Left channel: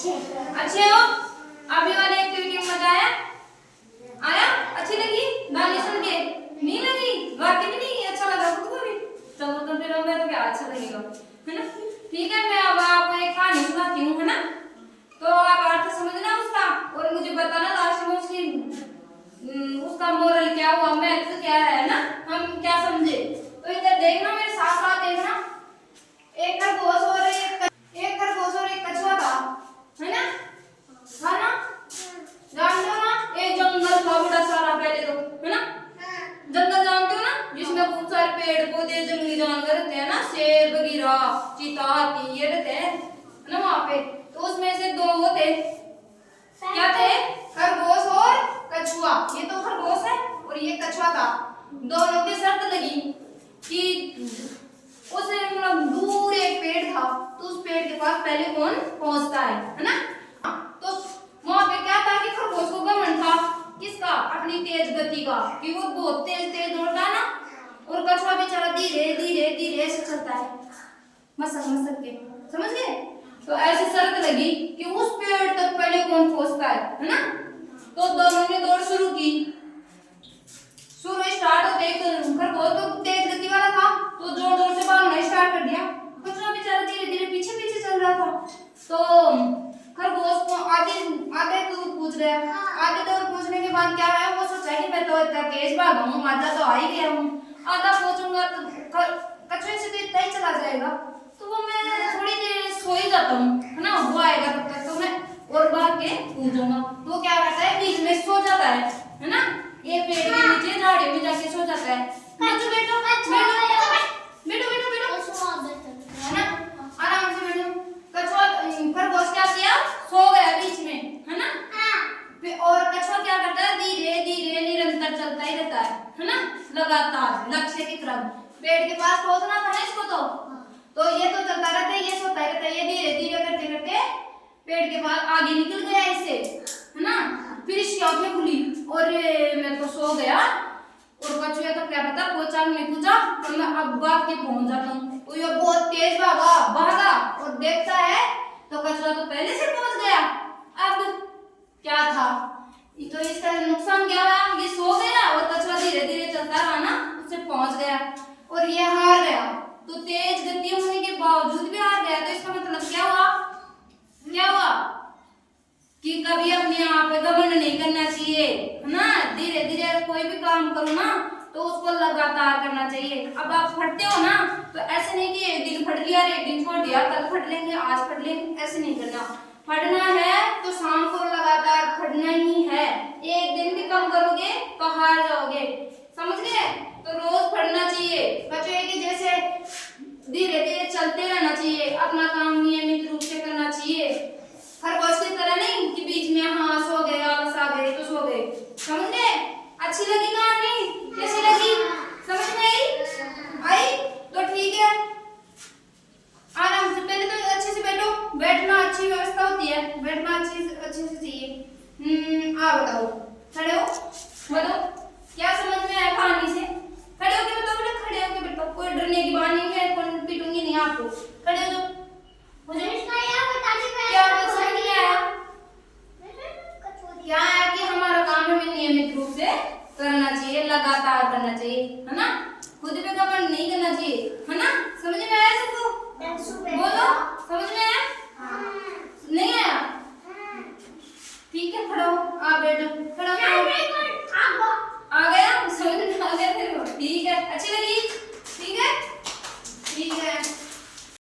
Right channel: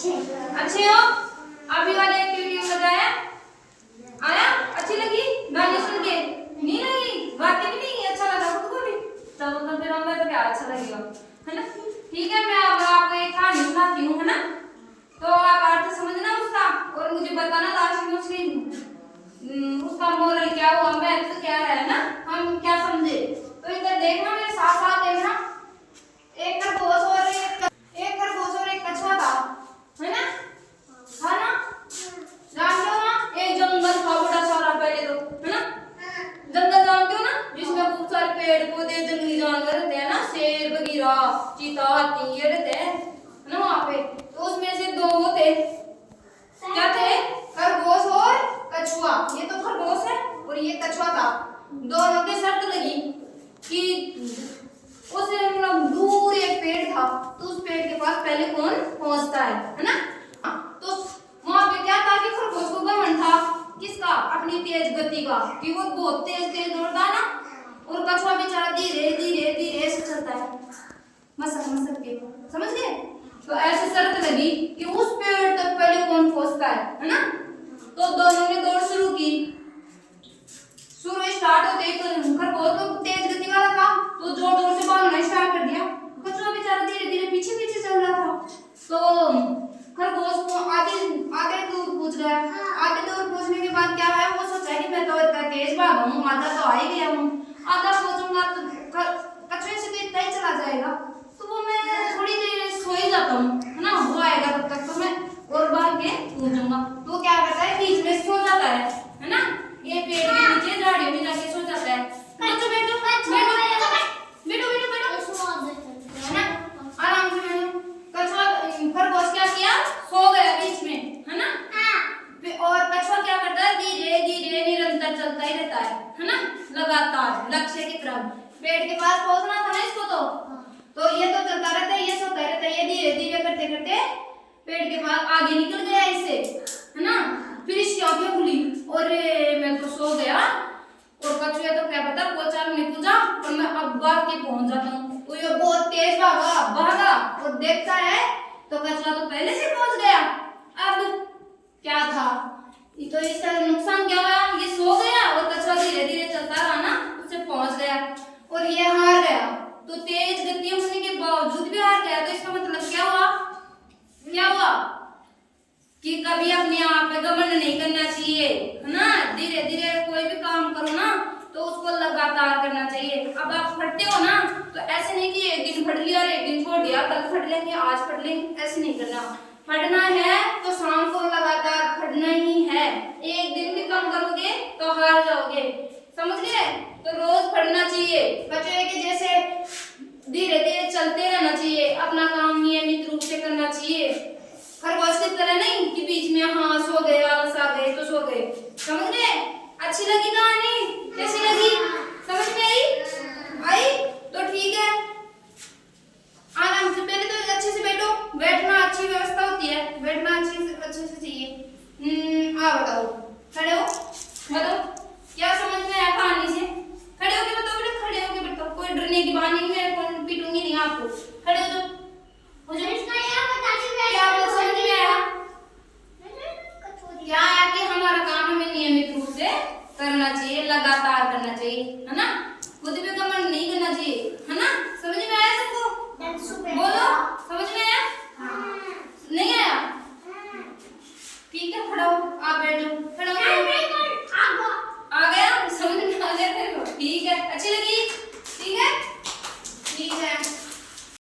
अच्छे हो? अभी वाली एक्टिविटी में मजा आया? आया? अच्छी लगी? गाने सुन के? नहीं लगी? गा के भी नहीं अच्छा लगा तुमको भी? चलो तो फिर मैं तो क्या अच्छा लगेगा, है ना? ठीक है, मैं अब आपको एक कहानी सुनाती हूँ, है ना? तो आप अर्थ समझना उसका और मुझे बताना लास्ट में उसका मोरल क्या हुआ, महत्व क्या है ना? हम क्या समझे? तो इधर देखना, मेरे साथ साथ देखना। एक खरगोश और एक कछुआ था, है ना? था ना? जानते हो ना? एक जंगल था बड़ा सारा पहले तो, है ना? जंगल जानते हो ना, जिसमें बहुत सारे पेड़ पौधे जंगली जानवर रहते हैं ना, शेर बगीरा चीता हाथी ये रहते हैं ना वहां पे। तो उसमें से दो वो थे, क्या थे? खरगोश और कछुआ। ये तो खरगोश है और ये कछुआ था। दोनों की शर्त लगी कि उस दूर एक पेड़ था, तो उस पेड़ के पास पहले कौन पहुंचता है ना? तो वहां पे क्या था कि खरगोश को घमंड था किसका? अपनी तेज गति का, कि वो बहुत तेज तेज दौड़ता है ना, और कछुआ बेचारा धीरे धीरे धीरे से चलता है, मसक मसक के, समझ गए? तो ऐसी शर्त लगी कि उस पेड़ तक पहले कौन पहुंचता है ना? तो दोनों ने दौड़ शुरू की। शुरू स्टार्ट होते ही खरगोश तो तेज गति वाला था, तो जोर जोर से भागना स्टार्ट कर दिया। कछुआ बेचारा धीरे धीरे पीछे पीछे चल रहा था। तो खरगोश को आगे आगे दूर पहुंच गया। आगे दूर पहुंचने के बाद क्या है, वो सोचा कि मैं तो इतना तेज भागा हूँ, आधा तो आ ही गया हूँ, आधा पहुंचूंगा तो कछुए से तो इतना ही चला जाएगा, तो वो मैं थोड़ी देर सो ही जाता हूँ, है ना? वो आएगा तब तक तो मैं और भाग के पहुंचूंगा। तो क्या करता है, बीच में सो जाता है ना? ये पेड़ के नीचे झाड़ियों में जाके सो जाता है। बैठो बैठो बैठो बैठो बैठो बैठो, है ना? आराम से बैठो। कछुआ खरगोश क्या किया, सो गया बीच में, है ना? और कछुआ क्या करता है, धीरे धीरे निरंतर चलता ही रहता है ना? लगातार लक्ष्य की तरफ। पेड़ के पास पहुंचना था ना इसको, तो ये तो चलता रहता है, ये सोता रहता है, ये धीरे धीरे करते करते पेड़ के पास आगे निकल गया इससे, है ना? फिर इसकी आंखें खुली और मैं तो सो गया, और कछुआ तो क्या पता पोचा नहीं पूछा, और मैं अब भाग के पहुंच जाता हूँ। तो ये बहुत तेज भागा और देखता है तो कछुआ तो पहले से पहुंच गया। अब क्या था, तो इसका नुकसान क्या हुआ, ये सो गया और कछुआ धीरे धीरे चलता रहा ना, उससे पहुंच गया और ये हार गया। तो तेज गति होने के बावजूद भी हार गया, तो इसका मतलब क्या हुआ कि कभी अपने आप पे घमंड नहीं करना चाहिए, है ना? धीरे धीरे कोई भी काम करो ना, तो उसको लगातार करना चाहिए। अब आप फटते हो ना, तो ऐसे नहीं कि एक दिन फट लिया और एक दिन छोड़ दिया, कल फट लेंगे आज फट लेंगे, ऐसे नहीं करना। फटना है तो शाम को लगातार फटना ही है। एक दिन भी कम करोगे तो हार जाओगे, समझ गए? तो रोज फटना चाहिए। बच्चे के जैसे धीरे धीरे चलते रहना चाहिए, अपना काम नियमित रूप से करना चाहिए। खरगोश की तरह नहीं कि बीच में हाँ सो गए, आलस आ गए तो सो गए, समझ गए? अच्छी लगी कहानी? कैसी लगी? समझ में आई? तो ठीक है, आराम से, पहले तो अच्छे से बैठो, बैठना अच्छी व्यवस्था होती है, बैठना अच्छे से चाहिए। बताओ, खड़े हो, बताओ क्या समझ में आया कहानी से? खड़े होके बताओ बेटा, खड़े होके बताओ, कोई डरने की बात नहीं है, कोई पीटूंगी नहीं आपको। खड़े हो जाओ, क्या समझ में आया? क्या है कि हमारा काम हमें नियमित रूप से करना चाहिए, लगातार करना चाहिए, है ना? खुद पे घमंड नहीं करना चाहिए, है ना? समझ में आया सबको? बोलो, समझ में आया? नहीं आया? ठीक है, खड़ा हो, आप बैठ जाओ, खड़ा हो।